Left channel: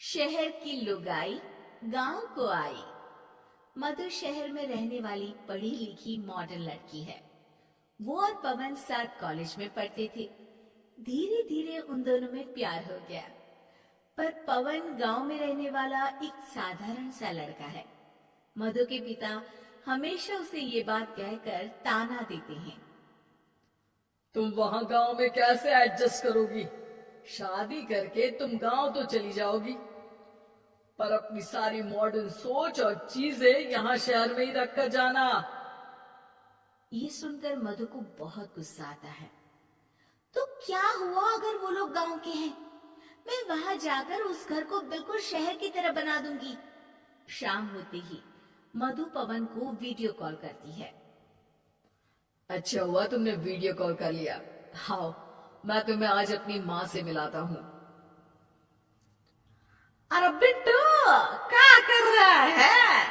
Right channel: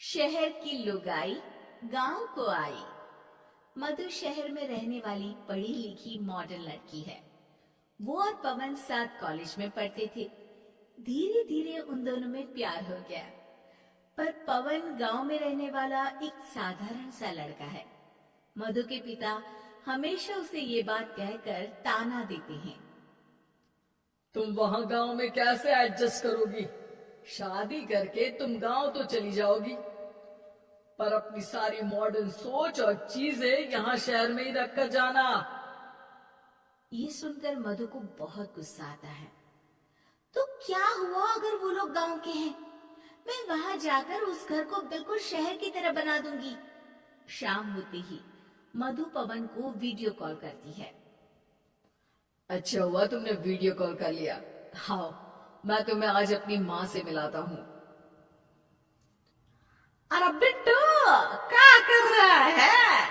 शहर की लुगाई गांव को आई। मधु शहर में रहने वाली पढ़ी लिखी मॉडर्न लड़की है। वो और पवन साथ कॉलेज में पढ़ते थे। धीरे धीरे उन दोनों में प्यार हो गया। पर पवन गांव में रहने वाला एक साधारण सा लड़का है। मधु के पिता हमेशा उसे ये बात कहकर ताना देते हैं, तुम वहां गांव में कैसे एडजस्ट करोगी? शादी करके तुम गांव तो चली जाओगी, पर अपनी सारी मॉडर्न सोच और चीजें यहाँ शहर में ही रख कर जाना। ये सुनकर मधु को बहुत गुस्सा आता है। तो क्या हुआ अगर वो लोग गांव के हैं? मैं वहां जाकर उस घर को बिल्कुल शहर की तरह बना दूंगी। शाम होते ही मधु पवन को वीडियो कॉल करती है। अच्छा हुआ तुमने वीडियो कॉल कर लिया। आओ, मैं तुम्हें आज अपनी माँ से मिलाता हूँ। अरे बिट्टू, क्या कर रहा है?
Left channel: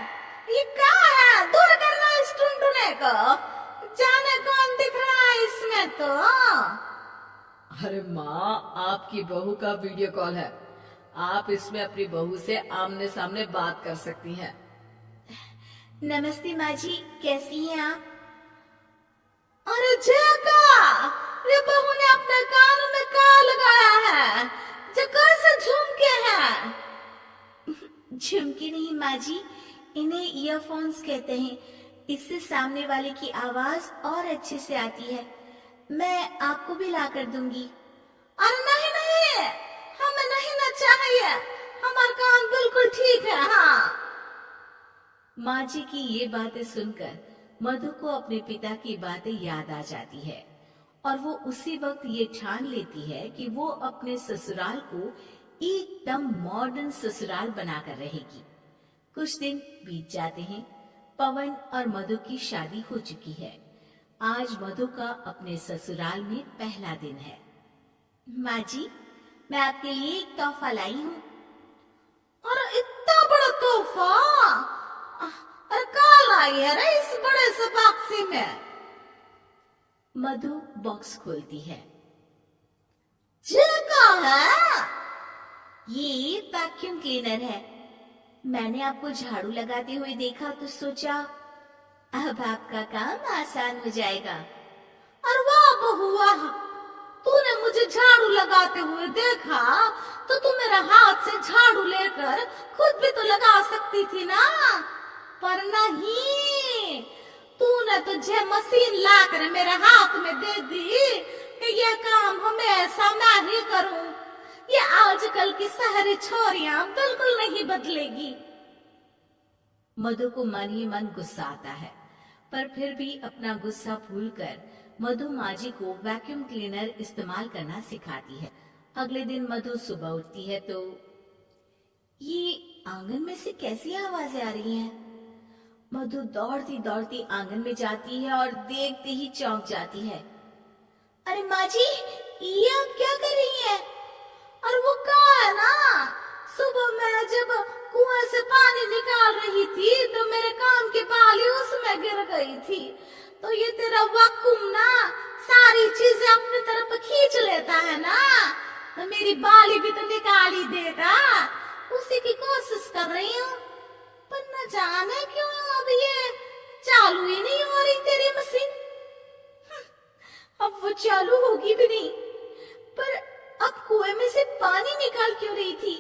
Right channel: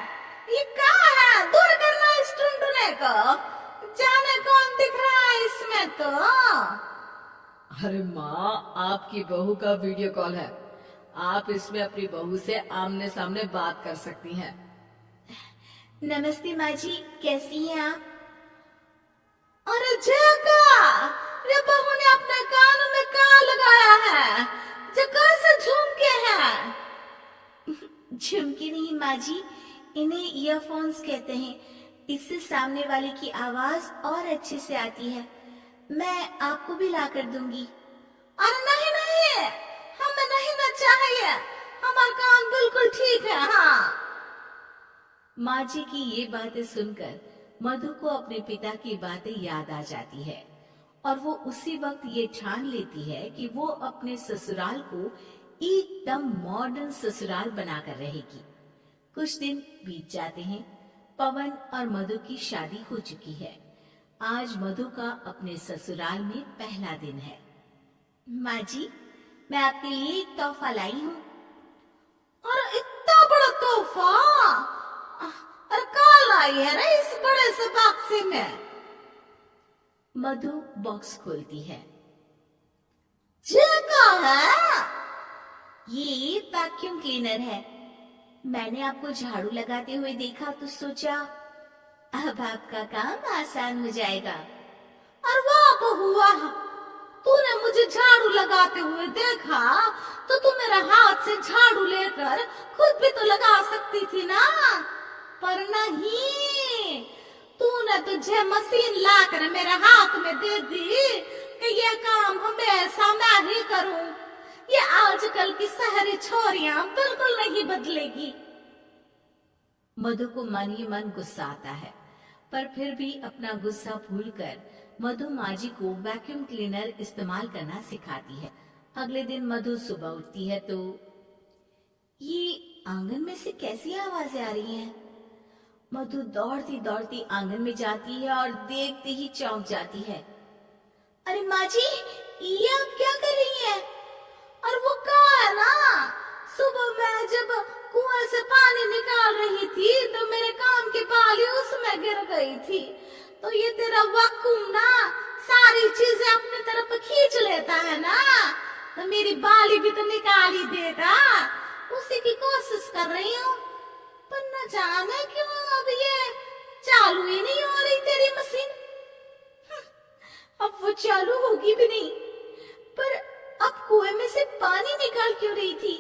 ये क्या है? दूर करना इस टुनटुने को। जाने कौन दिख रहा है इसमें तो। अरे माँ, आपकी बहू का वीडियो कॉल है। आप इसमें अपनी बहू से आमने सामने बात कर सकती हैं। नमस्ते माँ जी, कैसी हैं आप? अरे जका, ये बहू ने अपने कानों में क्या लगाया है? जका से झुमके हैं। झुमके नहीं माँ जी, इन्हें ईयरफोन्स कहते हैं। इससे सामने वाले की आवाज और अच्छे से आती है। मैं आपको भी ला कर दूंगी। अरे नहीं नहीं, हमें नहीं ना चाहिए। हमारा कान बिल्कुल ठीक है। हाँ। माँ जी की ये बातें सुनकर मधु को अपने पिता की बातें याद आ जाती है और वो उसी वक्त ये ठान लेती है कि वो अपने ससुराल को एकदम मॉडर्न ससुराल बनाकर रहेगी। कुछ दिन बीत जाते हैं। पवन और मधु की शादी हो चुकी है। आज मधु का अपने ससुराल में पहला दिन है। माँ जी, मैं आपके लिए एक तोहफा लाई हूँ। और इतना बड़ा तोहफा? अरे कहाँ लाई है रे इस बड़े से बक्से में? मधु बॉक्स खोलती है। ये क्या है? ये वैक्यूम क्लीनर है। मैंने आपको झाड़ू लगाते हुए देखा तो सोचा अब आपका काम आसान हो जाएगा। अरे वाह बहू वाह, तूने मुझे झाड़ू लगाते हुए देखा तो तू मेरे हाथ से झाड़ू लेकर खुद भी तो लगा सकती थी ना। पर नहीं, तूने तुझे मशीन लाकर मेरे हाथ में दे दी कि यह काम हमेशा मैं ही करूं। ये आजकल की शहरी छोरियां बिल्कुल नहीं बदलेगी। मधु को मन ही मन गुस्सा आता है, पर फिर भी अपना गुस्सा भूलकर मधु माँ जी को वैक्यूम क्लीनर इस्तेमाल करना सिखाती है। अगले दिन मधु सुबह उठती है तो ये आंगन में से कैसी आवाजें आ रही हैं? मधु दौड़ती दौड़ती आंगन में जाती है और देखते ही चौंक जाती है। अरे माँ जी, ये आप क्या कर रही हैं? और वो कहा है ना, सुबह मैं जब कुएं से पानी निकाल रही थी तो मेरे कान की बाली उसमें गिर गई थी। तो ये तेरा वैक्यूम ना सारी चीजें अपनी तरफ खींच लेता है ना, तो मेरी बाली भी तो निकाल ही देगा। उसी की कोशिश कर रही हूँ, पर न जाने क्यों अब ये चालू ही नहीं हो रही तेरी मशीन। अब वो चालू होगी भी नहीं। पर अब कुएं में से पानी निकाल क्यों रही थी?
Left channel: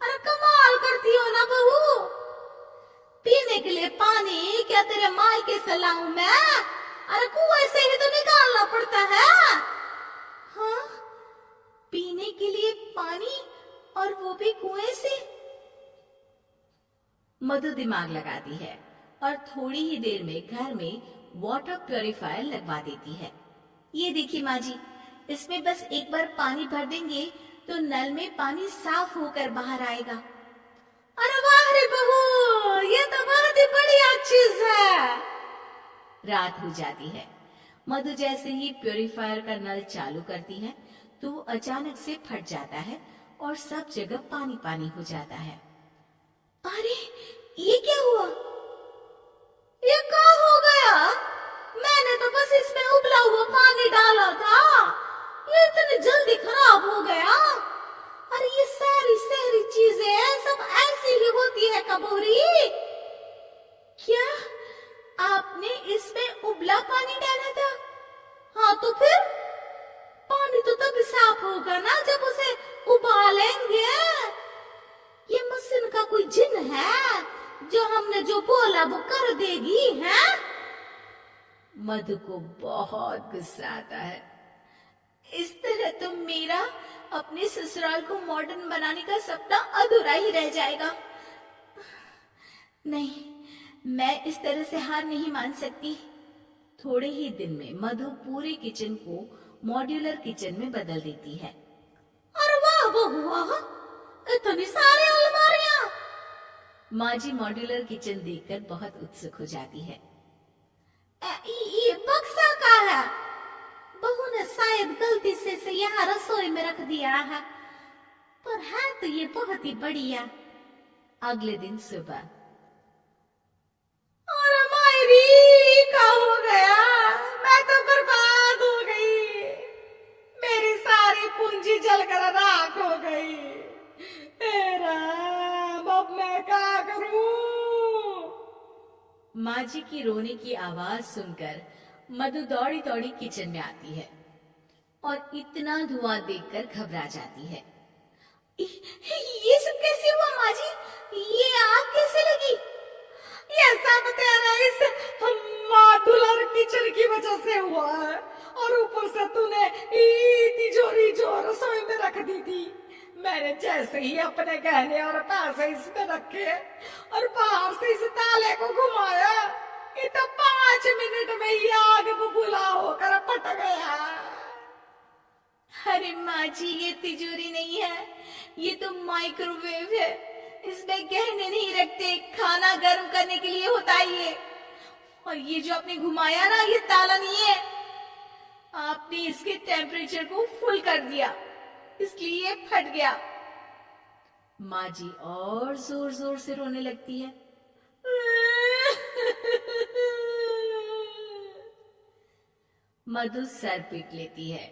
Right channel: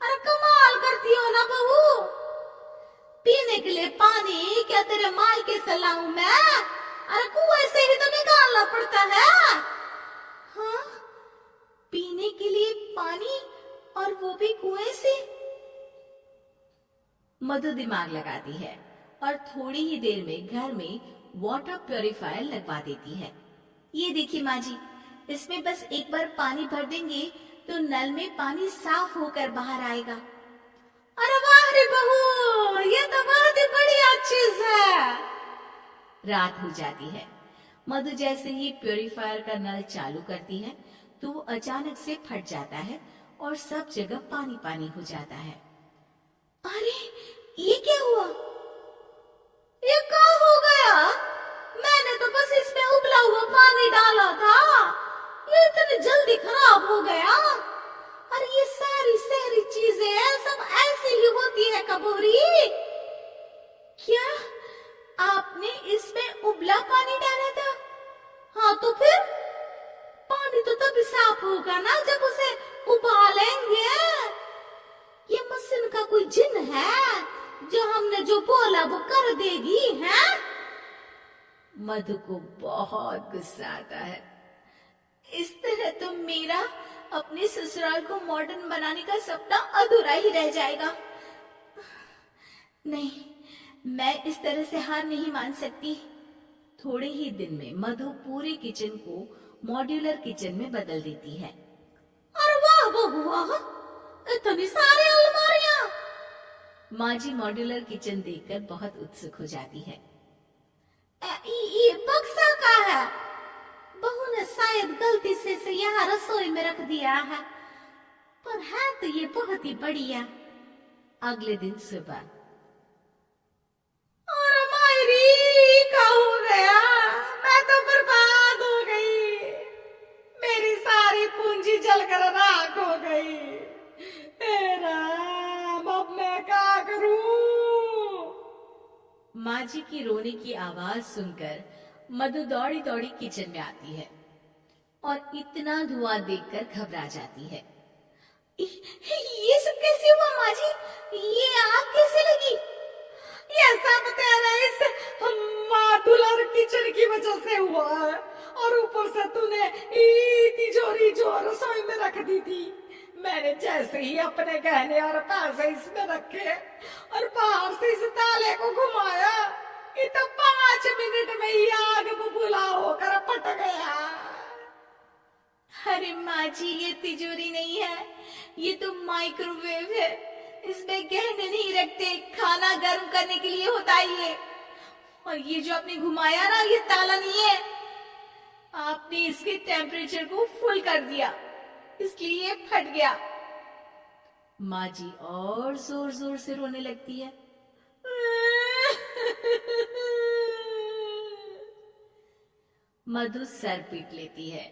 अरे कमाल करती हो ना बहू। पीने के लिए पानी क्या तेरे मायके से लाऊं मैं? अरे कुएं से ही तो निकालना पड़ता है। हाँ, पीने के लिए पानी, और वो भी कुएं से। मधु दिमाग लगाती है और थोड़ी ही देर में घर में वाटर प्यूरिफायर लगवा देती है। ये देखिए माँ जी, इसमें बस एक बार पानी भर देंगे तो नल में पानी साफ होकर बाहर आएगा। अरे वाह रे बहू, ये तो बहुत ही बढ़िया चीज है। रात हो जाती है। मधु जैसे ही प्यूरिफायर का नल चालू करती है तो वो अचानक से फट जाता है और सब जगह पानी पानी हो जाता है। अरे ये क्या हुआ? ये क्या हो गया? मैंने तो बस इसमें उबला हुआ पानी डाला था, ये इतनी जल्दी खराब हो गया। अरे ये सारी शहरी चीजें होती है कबूरी? क्या आपने इसमें उबला पानी डाला था? हाँ तो फिर पानी तो तभी साफ होगा ना जब उसे उबालेंगे। ये मशीन का कोई जिन है जो हमने जो बोला वो कर देगी है? मधु को बहुत गुस्सा आता है। इस तरह तो मेरा अपने ससुराल को मॉडर्न बनाने का सपना अधूरा ही रह जाएगा। नहीं, मैं इस तरह से हार नहीं मान सकती। थोड़े ही दिन में मधु पूरे किचन को मॉड्यूलर किचन में बदल देती है। अरे वाह बहुआ, इतनी सारी अलमारियां! माँ जी मॉड्यूलर किचन देखकर बहुत उत्सुक हो जाती है। ये बक्सा का है। बहू ने शायद गलती से यहाँ रसोई में रख दिया है, पर है तो ये बहुत ही बढ़िया। अगले दिन सुबह, और मायरी क्या हो गया? मैं तो बर्बाद हो गई। मेरी सारी पूंजी जलकर राख हो गई। अब मैं क्या करूं? माँ जी की रोने की आवाज सुनकर मधु दौड़ी दौड़ी किचन में आती है और इतना धुआं देखकर घबरा जाती है। ये सब कैसे हुआ माँ जी? ये आग कैसे लगी? ये सब तेरा इस मॉड्यूलर किचन की वजह से हुआ है, और ऊपर से तूने तिजोरी जो रसोई में रख दी थी, मैंने जैसे ही अपने गहने और पैसे इसमें रखे और बाहर से इस ताले को घुमाया, ये तो 5 मिनट में ही आग बबूला होकर फट गया। अरे माँ जी, ये तिजोरी नहीं है, ये तो माइक्रोवेव है। इसमें गहने नहीं रखते, खाना गर्म करने के लिए होता है ये। और ये जो आपने घुमाया ना, ये ताला नहीं है, आपने इसके टेम्परेचर को फुल कर दिया, इसलिए ये फट गया। माँ जी और जोर जोर से रोने लगती है। मधु सर पीट लेती है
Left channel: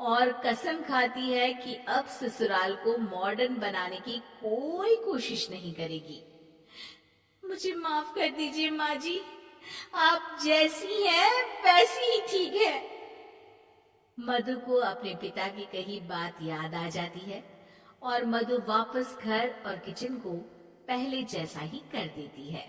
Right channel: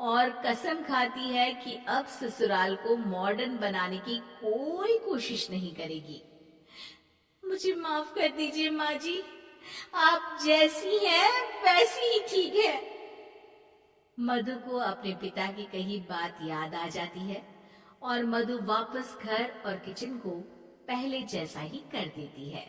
और कसम खाती है कि अब ससुराल को मॉडर्न बनाने की कोई कोशिश नहीं करेगी। मुझे माफ कर दीजिए माँ जी, आप जैसी हैं वैसी ही ठीक है। मधु को अपने पिता की कही बात याद आ जाती है और मधु वापस घर और किचन को पहले जैसा ही कर देती है।